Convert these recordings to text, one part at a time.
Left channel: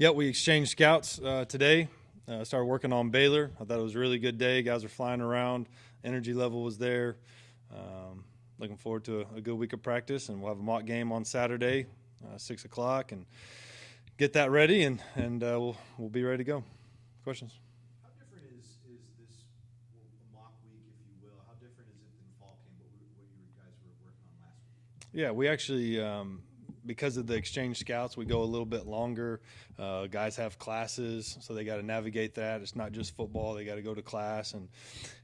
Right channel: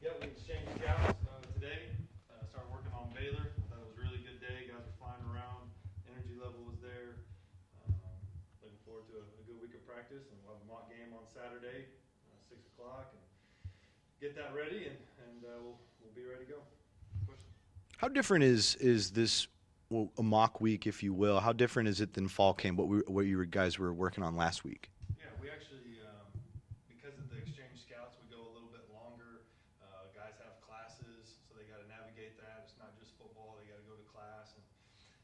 Yeah, we exchanged scouts today. Started working on Baylor. I thought it was a really good day. Guys are flying around. Energy level was there. Looking forward to a good week of practice, and we'll have a mock game on Saturday, 6 o'clock, and get that ready, and we'll be ready to go. Questions? How different is this a mock week, if you will? How different is it than fall camp? What you guys were working on last week? Yeah, we actually, because of the exchange scouts, we go a little bit longer. Guys have classes, so they got to navigate that. It's not just football; they got to go to class and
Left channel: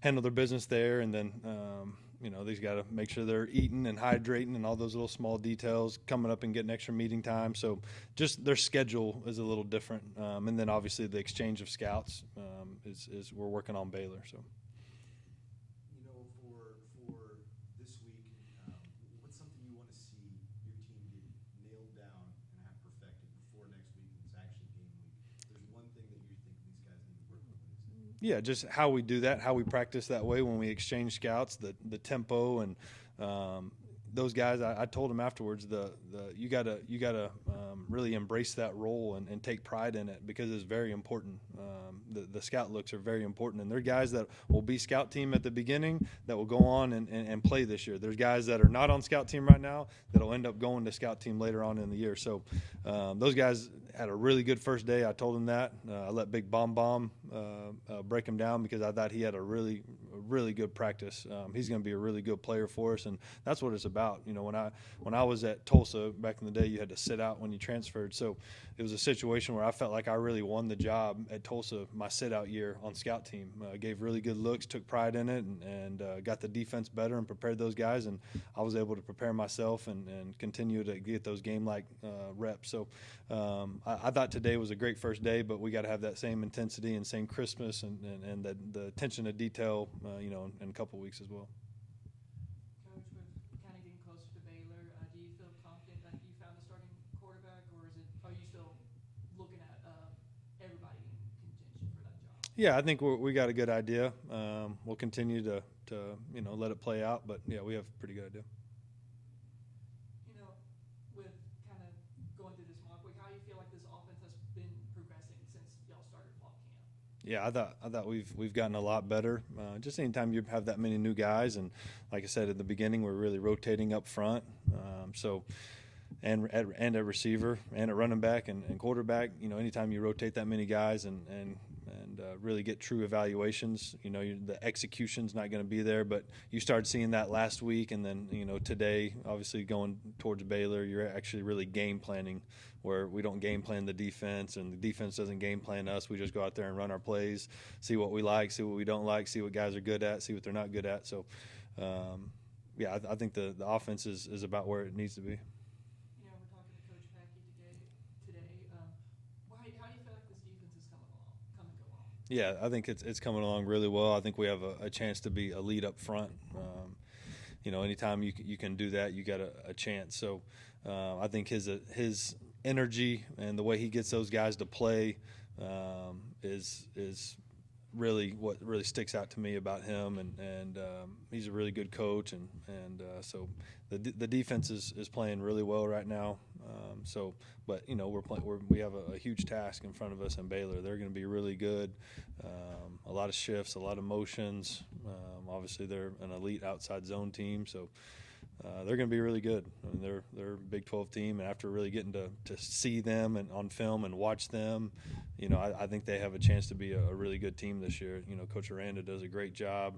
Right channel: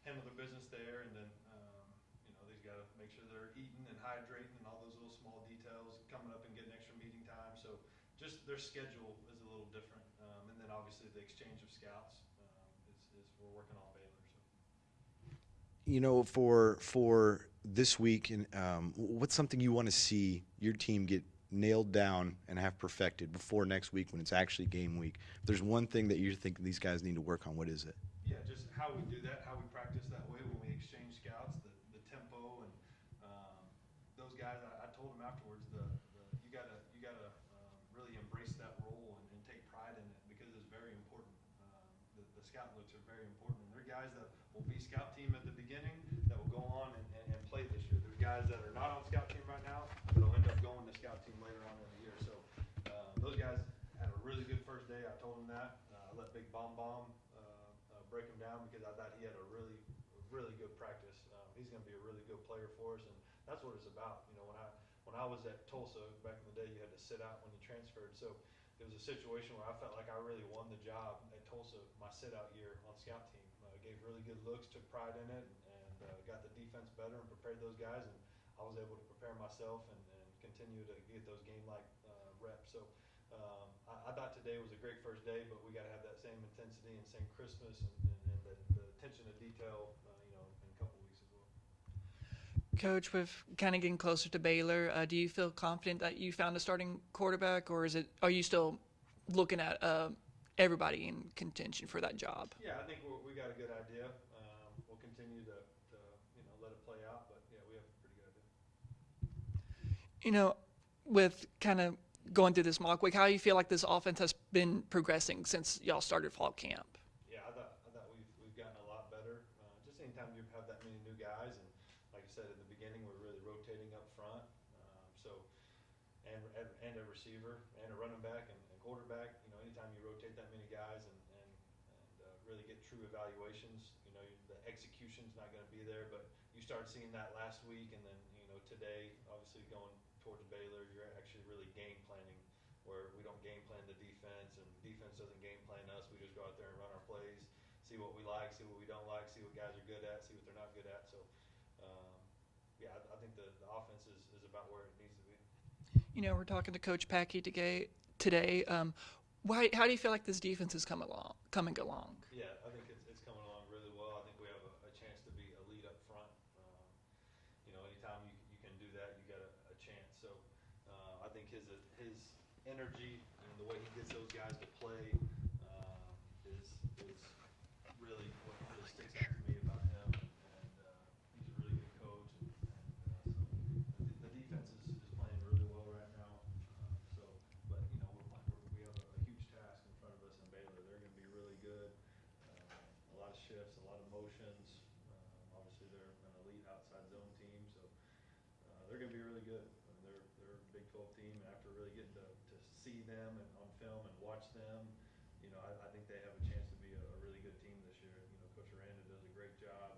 handle their business there, and then they've got to make sure they're eating and hydrating and all those little small details, coming up and getting extra meeting time. So just their schedule is a little different, and then obviously the exchange of scouts is we're working on Baylor. So. For this week, what's something you want to see your team get nailed down and have perfected before next week when it's actually game week? If there's one thing that you think these guys need to work on, what is it? Yeah, just how we do that, how we practice that way when we exchange scouts, the tempo, and those guys. I told them afterwards, you gotta really embrace that role and take pride in it because it's very important. The scout looks are very important, and there are guys that will be scout team at the beginning that will go on and play this year. There's guys that are not on scout team right now that will end up going to scout team later on in the year. So those guys had a really good first day. I told them that. I let Big Bomb break him down because I thought he had a really good practice. He's going to be a really good player for us, and that's what it's about. When I was at Tulsa back in the day, you had to sit out when you transferred. So it was a situation where I felt like I really won the job at Tulsa my sit-out year on scout team. Gave really good looks, took pride in it, and got the defense better and prepared those guys. And I was able to prepare myself and continue to get those game-like reps. So I thought today was a great first day, but we got to have that same intensity and same crispness and the attention to detail, in a couple weeks as well. Coach, with kind of getting closer to Baylor, do you feel confident that you found a starting quarterback, or are you still looking at everybody in contention for that job? Yeah, I think we got a good idea. We'll continue to let it play out, but yeah, we have a pretty good idea. With kind of going through this mock week, how do you feel like this offense has been progressing since y'all started fall camp? Yeah, I thought we've gotten a lot better. Just anytime you have that many new guys, and like I said at the beginning, we're really rotating up front. And at receiver and at running back and quarterback, anytime you rotate that many guys and really get true evaluations, the execution's not going to be there. But you started seeing that last week, and then today, obviously going towards Baylor, you're actually really game planning, where we don't game plan the defense and the defense doesn't game plan us. We just go out there and run our plays, see what we like, see what we don't like, see what guys are good at, see what they're not good at. So, I think the offense is about where it needs to be. We're talking to Coach Packey today. How do you feel like this defense is coming along? Yeah, I think it's coming along really well. I think we have a chance to be a lead up front. Anytime you can do that, you got a chance. So I think his energy and the way he gets those guys to play is really what really sticks out to me about him, and he's a really good coach, and so the defense is playing really well right now. But we have a huge task in front of us in Baylor. They're going to be really good. A lot of shifts, a lot of motions. Obviously, they're an elite outside zone team, so they're going to be really good. I mean, they're a Big 12 team, and after really getting to see them and on film and watch them, I think they have a chance to be a really good team this year. Coach Aranda does a great job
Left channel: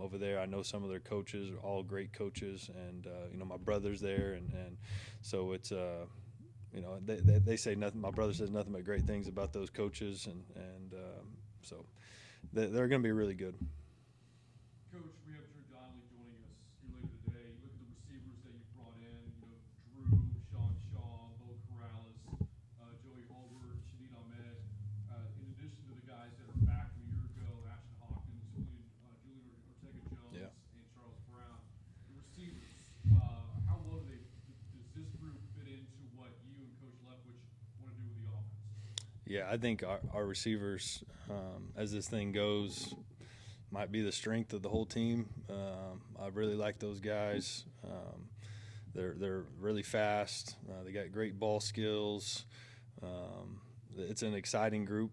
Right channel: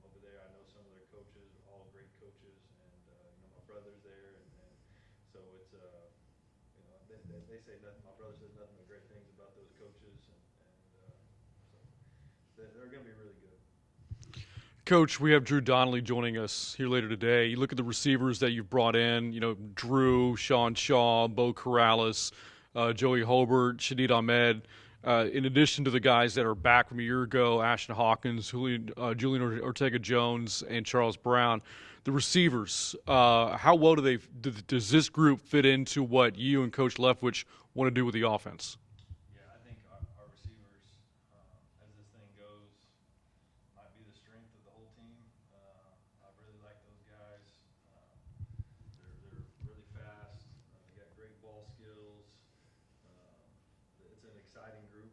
over there. I know some of their coaches are all great coaches, and my brother's there, and so it's they say nothing. My brother says nothing but great things about those coaches, and so they're going to be really good. Coach, we have Drew Donnelly joining us here later today. You look at the receivers that you've brought in, Drew, Sean Shaw, Bo Corrales, Joey Hobart, Shadid Ahmed, in addition to the guys that are back from a year ago, Ashton Hawkins, Julian Ortega-Jones, and Charles Brown. The receivers, how well does this group fit into what you and Coach Leftwich want to do with the offense? Yeah, I think our receivers, as this thing goes, might be the strength of the whole team. I really like those guys. They're really fast. They got great ball skills. it's an exciting group.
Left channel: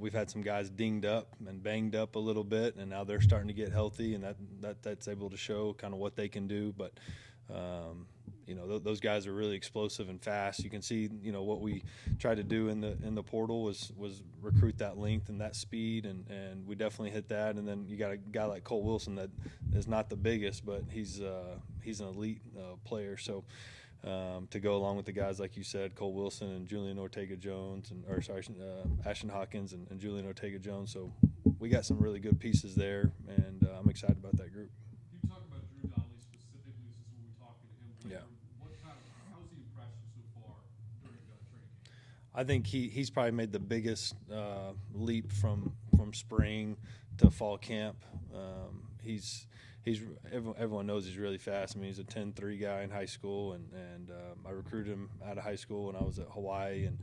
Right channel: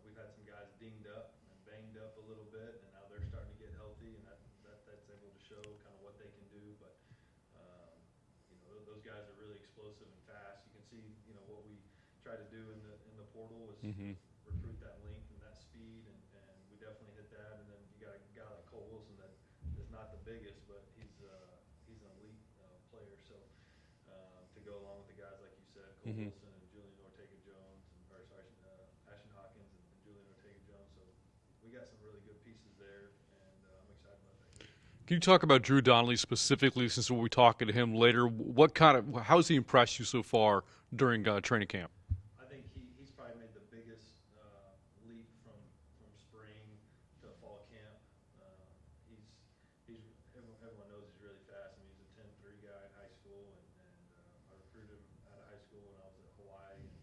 We've had some guys dinged up and banged up a little bit, and now they're starting to get healthy, and that's able to show kind of what they can do. But those guys are really explosive and fast. You can see, what we tried to do in the portal was recruit that length and that speed, and we definitely hit that. And then you got a guy like Cole Wilson that is not the biggest, but he's an elite player. So to go along with the guys like you said, Cole Wilson and Julian Ortega-Jones, Ashton Hawkins and Julian Ortega-Jones. So we got some really good pieces there, and I'm excited about that group. Can you talk about Drew Donnelly specifically, since we'll be talking to him later? How has he impressed you so far during training camp? I think he's probably made the biggest leap from spring to fall camp. Everyone knows he's really fast. I mean, he's a 10.3 guy in high school, and I recruited him out of high school when I was at Hawaii, and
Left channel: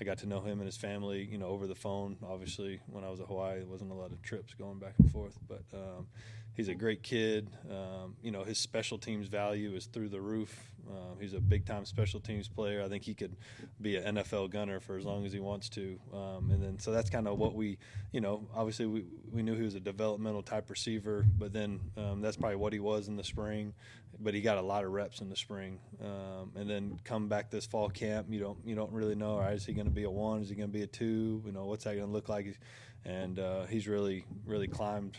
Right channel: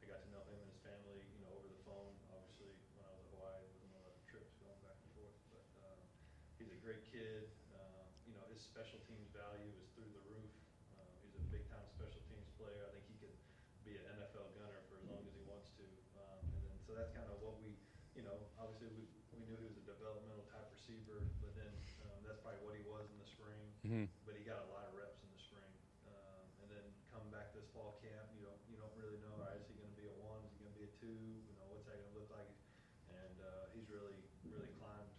I got to know him and his family, over the phone. Obviously, when I was at Hawaii, there wasn't a lot of trips going back and forth, but he's a great kid. His special teams value is through the roof. He's a big-time special teams player. I think he could be an NFL gunner for as long as he wants to. So that's kind of what we, obviously we knew he was a developmental type receiver, but then that's probably what he was in the spring. But he got a lot of reps in the spring, and then come back this fall camp. You don't really know. All right, is he going to be a 1? Is he going to be a 2? What's that going to look like? And he's really climbed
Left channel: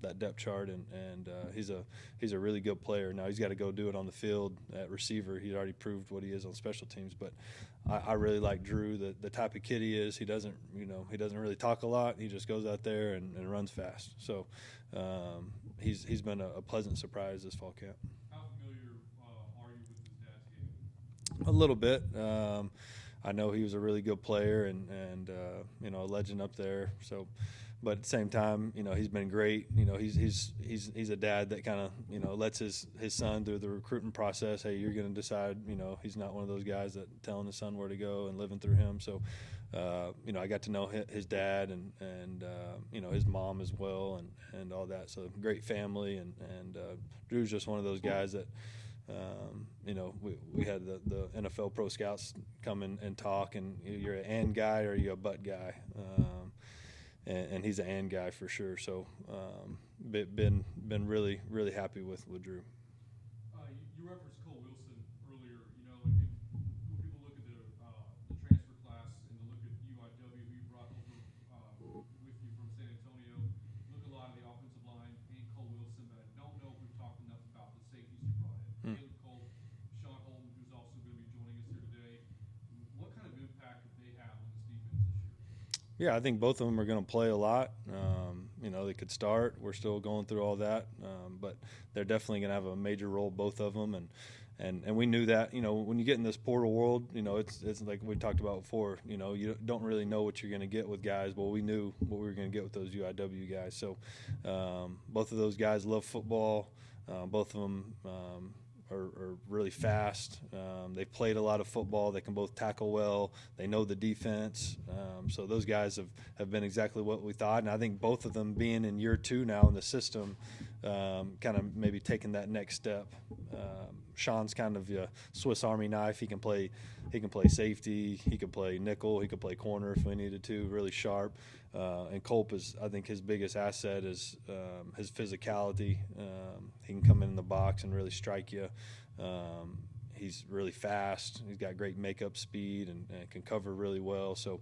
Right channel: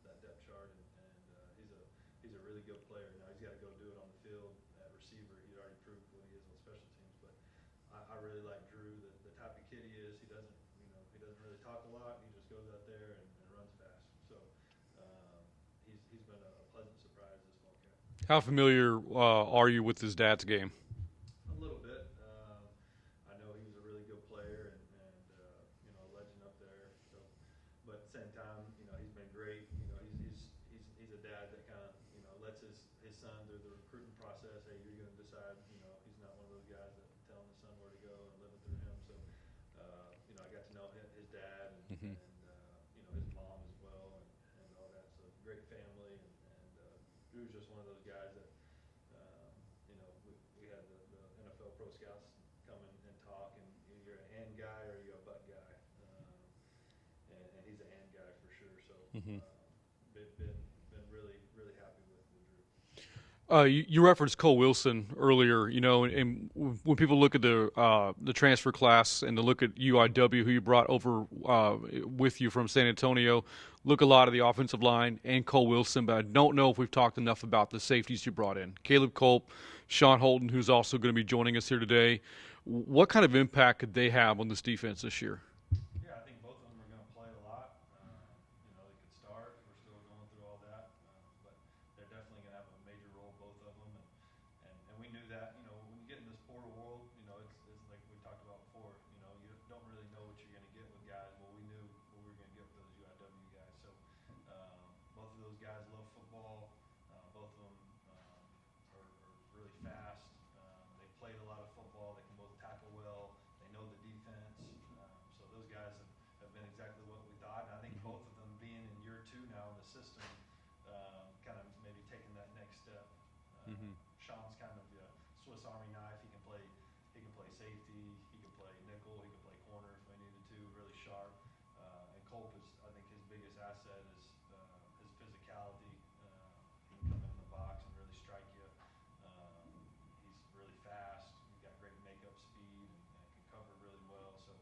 that depth chart, and he's a really good player. Now he's got to go do it on the field at receiver. He's already proved what he is on special teams. But I really like Drew, the type of kid he is. He doesn't really talk a lot. He just goes out there and runs fast. So he's been a pleasant surprise this fall camp. How familiar are you with his dad's game? A little bit. I know he was a really good player and a legend up there. So, but at the same time, he's been great. He's a dad that kind of lets his son through the recruiting process. Hey, you're going to decide. He's not one of those guys that telling his son where to go and living through him. So, I got to know his dad and his mom as well and all that. So great family and Drew's just one of those guys that. We had the NFL pro scouts come and talk, and you're an and guy or you're a but guy, and he's an and guy for sure. So, been really happy with Drew. You referenced Cole Wilson earlier, and when people look at the transfer class and to look at UIW, who you brought over with you from San Antonio, look a lot of the offensive line and Cole Wilson, but I don't know if we've talked enough about the safeties you brought in. Caleb Culp, Sean Holton, who's also going to be joining us here today. What kind of impact could they have on this defense this year? Yeah, I think both of them are going to play a lot. They could start. We're still going through all that, but they're definitely going to have a major role, both of them. And we knew that, when you get in this portal world, it's like we talked about before, you don't really know what you're going to get with guys. Well, we knew what we were going to get with those UIW guys. So both of those guys love football. Both of them are really fast. They've played a lot of football. They can both tackle well. They know the defense. So those guys have been exactly what we thought. And I think both of them being in year 2 now in the system, kind of maybe taking that next step. Sean's kind of a Swiss Army knife. He can play safety. He can play nickel. He can play corner if we needed to. Really sharp. And Culp is, I think, his biggest asset is his physicality. He can come in the box and really strike you. He's really fast. He's got great makeup speed and can cover really well. So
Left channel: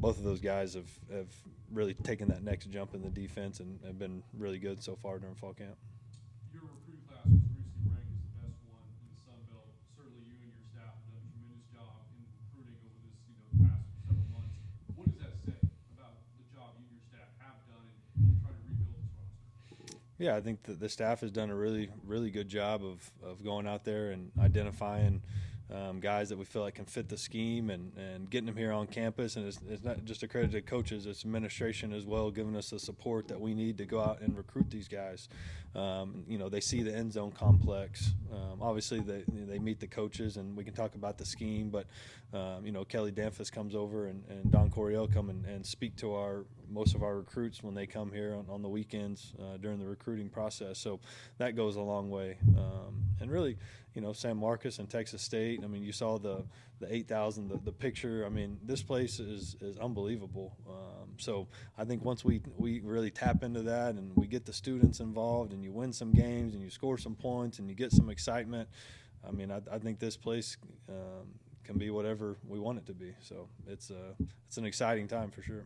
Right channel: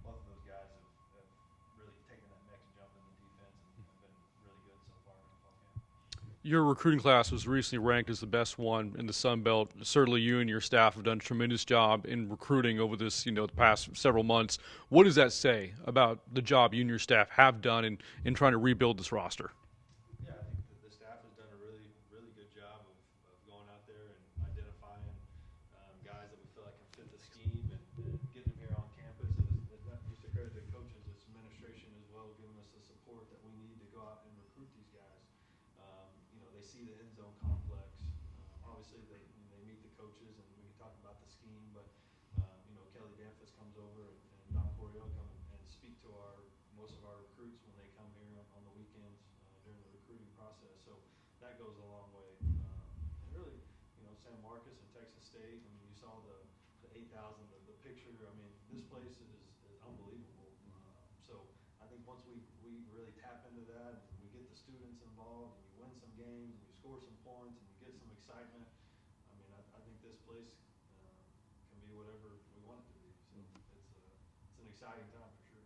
both of those guys have really taken that next jump in the defense and have been really good so far during fall camp. Your recruiting class was recently ranked as the best one in the Sun Belt. Certainly you and your staff have done a tremendous job in recruiting over this, the past several months. What does that say about the job you and your staff have done in trying to rebuild this roster? Yeah, I think that the staff has done a really, really good job of going out there and identifying guys that we feel like can fit the scheme and getting them here on campus. And it's not just a credit to coaches, it's administration as well, giving us the support that we need to go out and recruit these guys. They see the end zone complex. Obviously, they meet the coaches, and we can talk about the scheme. But Kelly Danfus comes over, and Don Coryell come and speak to most of our recruits when they come here on the weekends during the recruiting process. So that goes a long way. And really, San Marcos and Texas State. I mean, you saw the 8,000, the picture. I mean, this place is unbelievable. So I think once we really tap into that and we get the students involved and you win some games and you score some points and you get some excitement, I mean, I think this place can be whatever we want it to be. So it's an exciting time for sure.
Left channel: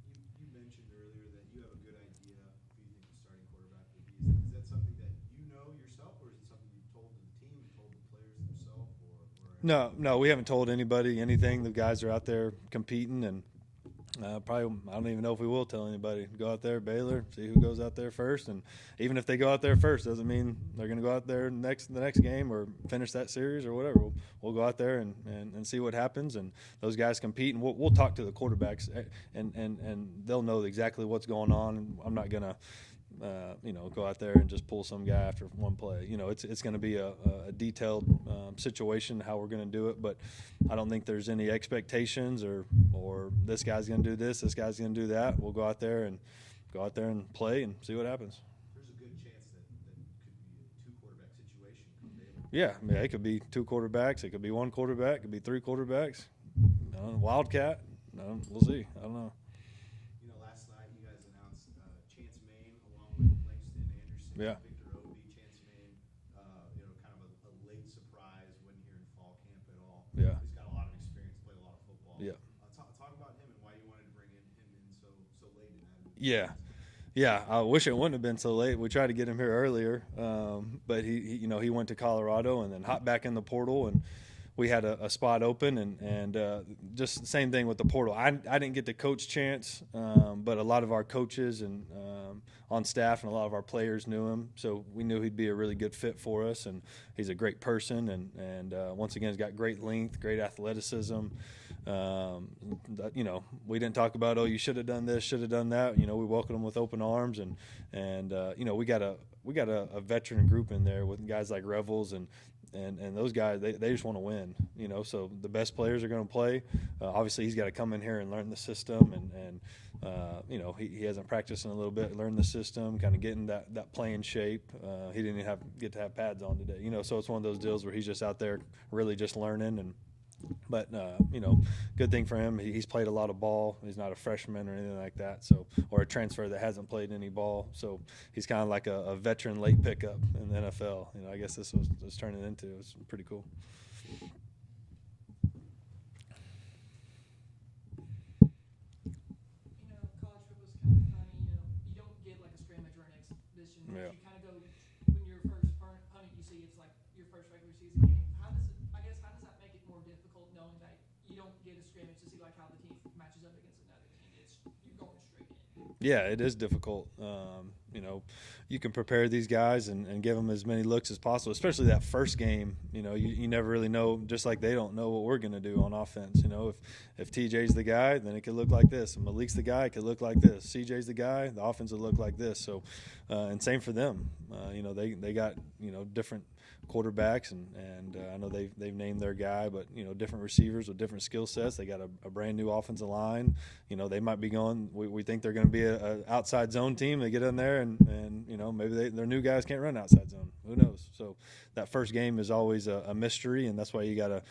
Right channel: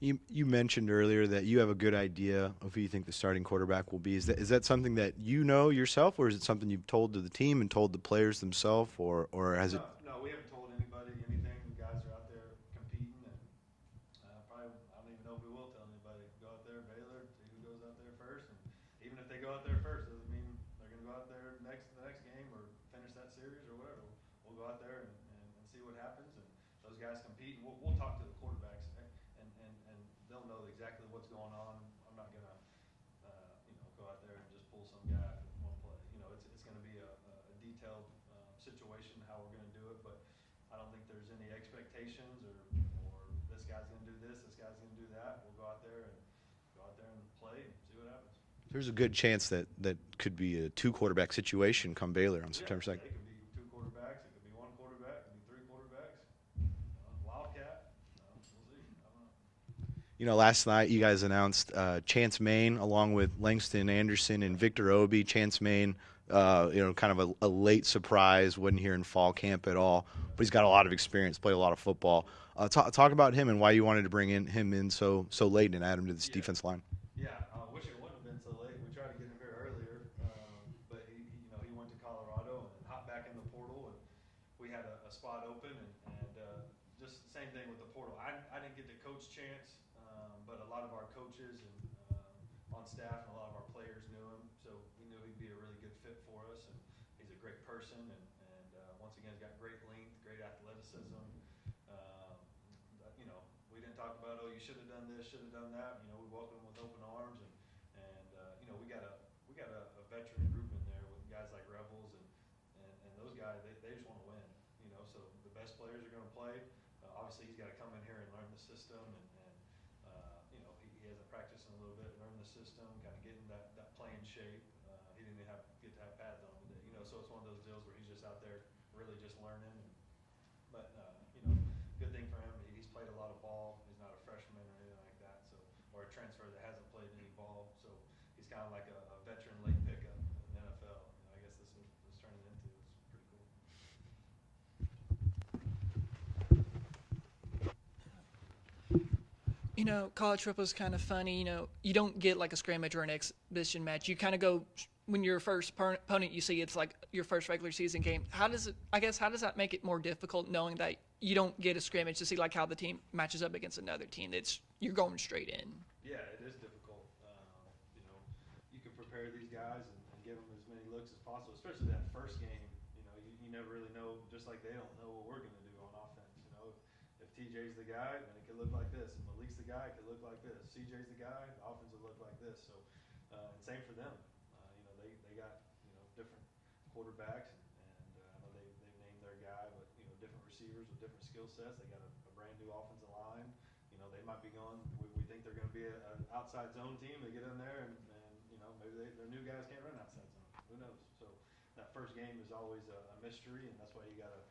You mentioned earlier that you have a good idea of who you think the starting quarterback will be. Is that something that you know yourself, or is it something you've told to the team and told the players themselves, or has No, we haven't told anybody anything. The guys are out there competing, and probably I don't even know if we will tell anybody. Go out there, Baylor, see who goes out there first, and even if they go out there first, doesn't mean they're going to go out there the next game or finish that series or whatever. We'll go out there and see what happens, and those guys compete, and we'll talk to the quarterbacks, and they'll know exactly what's going on. I'm not going to go out there and just pull some guy after one play. It's going to be a detailed situation how we're going to do it, but I don't think there's any expectations or this guy's going to do this guy's going to do that. We'll go out there and play and see what happens. There's a good chance that could be a 2-quarterback situation come Baylor on September 2nd. Yeah, it could be 2 quarterbacks. It could be 1 quarterback. It could be 3 quarterbacks. Wildcat. We'll see. I don't know. Last night you guys announced Chance Main along with Langston Anderson and Victor Obi. Chance Main, kind of a late surprise, wasn't here in fall camp at all, but he's got a lot of experience, played a lot of football. Yeah. Talk about him and why you wanted to bring him in so late and add him to this defense line. Yeah, I wish it wouldn't have been so late. We tried to get him here earlier, but he went to Colorado and then hopped back in the portal, and we had a spot open, and just the same thing with the portal. I didn't get to coach Chance, but a lot of our coaches and on staff and a lot of our players knew him, so we knew he'd be a really good fit for us, and he's a great person, and once again, he's got great length, great athleticism. We didn't talk about, you should have done this, should have done that. We welcomed him with open arms, and we got a veteran group in there with guys like Revels and those guys, they just want to win, so the best players are going to play. Obviously, he's got to come in here and learn the system, and he hasn't practiced in a little bit, learn the system, kind of getting that playing shape. He didn't even get to have pads on today, so it's one of those deals where he's just out there really just learning. But good thing for him, he's played a lot of ball. He's not a freshman or anything like that, or a transfer that hasn't played any ball. So he's kind of like a veteran late pickup in the NFL. I guess this was turning into. It's pretty cool. College football is kind of funny. You don't get like a scrimmage or an exhibition match. You kind of go when your first opponent you see, it's like your first regular season game. How does that make it more difficult knowing that you don't get a scrimmage to see like how the team matches up against another team? You're going straight in. Yeah, it is difficult. You can prepare these guys and give them as many looks as possible, especially that first game. You never really know, just like they don't know what we're going to do on offense. If TJ's the guy, then it could look like this. If Malik's the guy, it could look like this. CJ's the guy, the offense would look like this. So, and same for them. They got different quarterbacks, and I know they've named their guy, but different receivers with different skill sets. They got a brand new offensive line. They might be going. We think they're going to be an outside zone team. They get in there, and maybe their new guys can't run outside zone. Who knows? So that first game is always a mystery, and that's why you got to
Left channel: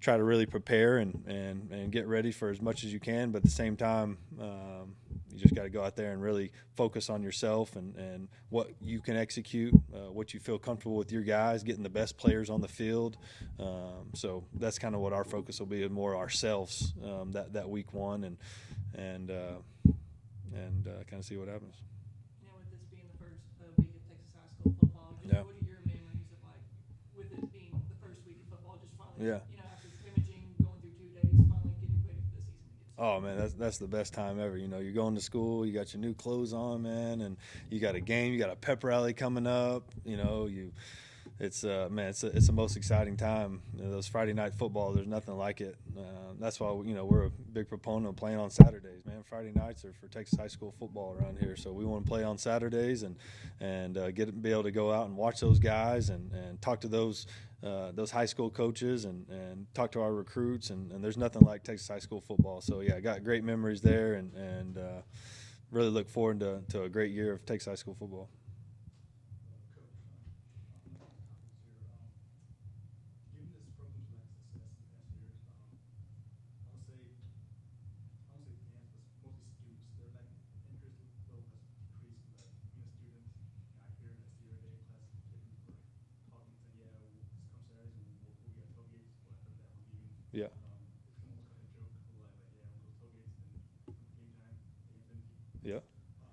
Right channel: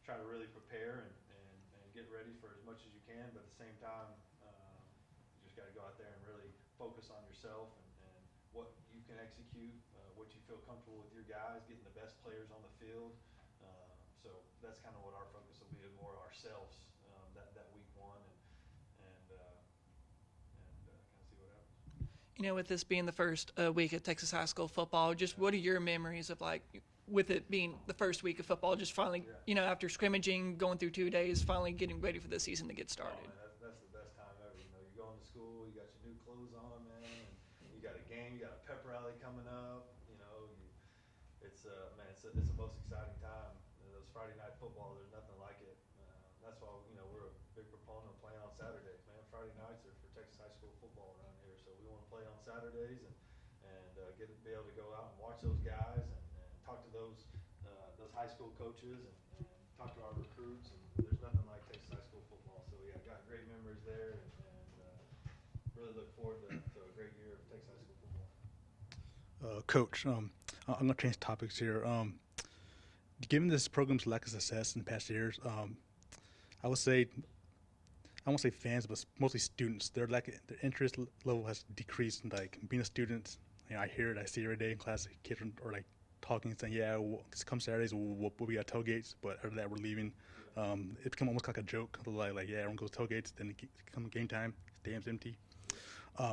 try to really prepare and get ready for as much as you can. But at the same time, you just got to go out there and really focus on yourself and what you can execute, what you feel comfortable with your guys, getting the best players on the field. So that's kind of what our focus will be, more ourselves that week one, and kind of see what happens. With this being the first week at Texas high school football, what are your memories of with it being the first week of football, just finally, after scrimmaging, going through 2 days, finally getting ready for the season to get started? Oh, man, that's the best time ever. You're going to school, you got your new clothes on, man, and you got a game, you got a pep rally coming up, it's the most exciting time. Those Friday night football, there's nothing like it. That's why we're a big proponent of playing on Saturdays, man. Friday nights are for Texas high school football around here, so we want to play on Saturdays and be able to go out and watch those guys and talk to those high school coaches and talk to our recruits, and there's nothing like Texas high school football. So yeah, I got great memories there, and really look forward to a great year of Texas high school football. Coach, I'm going to change topics here. Given this program's lack of success in past years, I would say, I won't say fans, but mostly students. Their interest level has decreased. Like being a student, I hear it, I see it every day in class. Kids are like talking, saying, "Yeah, come Saturdays, we'll be at tailgates." But after that, we're leaving. Yeah. It become almost like a joke. Like, yeah, everyone goes to tailgates. Then come game time, stadium's empty. Yeah.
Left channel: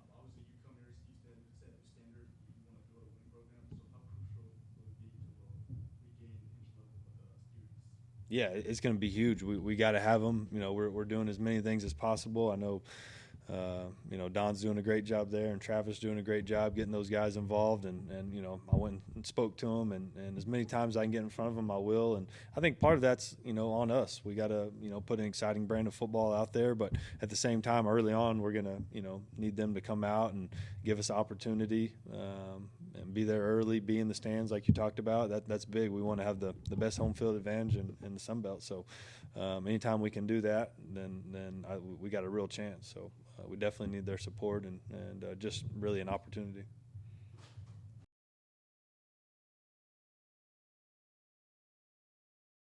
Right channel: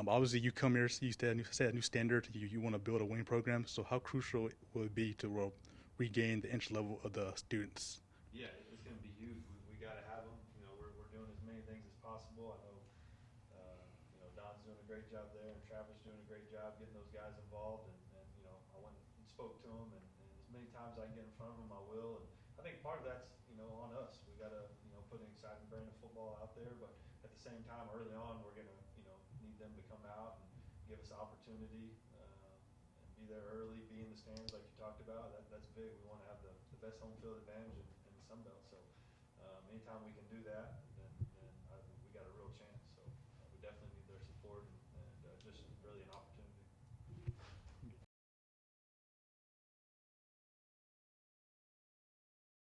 Obviously, you come here, you set a new standard. You want to build a winning program. So how crucial will it be to regain the interest level of the students? Yeah, it's going to be huge. We got to have them. We're doing as many things as possible. I know, Don's doing a great job there, and Travis doing a great job getting those guys involved. And I went and spoke to them, and as many times I can get in front of them, I will. And I think part of that's on us. We got to put an exciting brand of football out there, but at the same time, early on, we're gonna need them to come out and give us opportunity. And be there early, be in the stands like you talked about. That's big. We want to have the best home field advantage in the Sun Belt. So anytime we can do that, then we got a real chance. So we definitely need their support and just really an opportunity.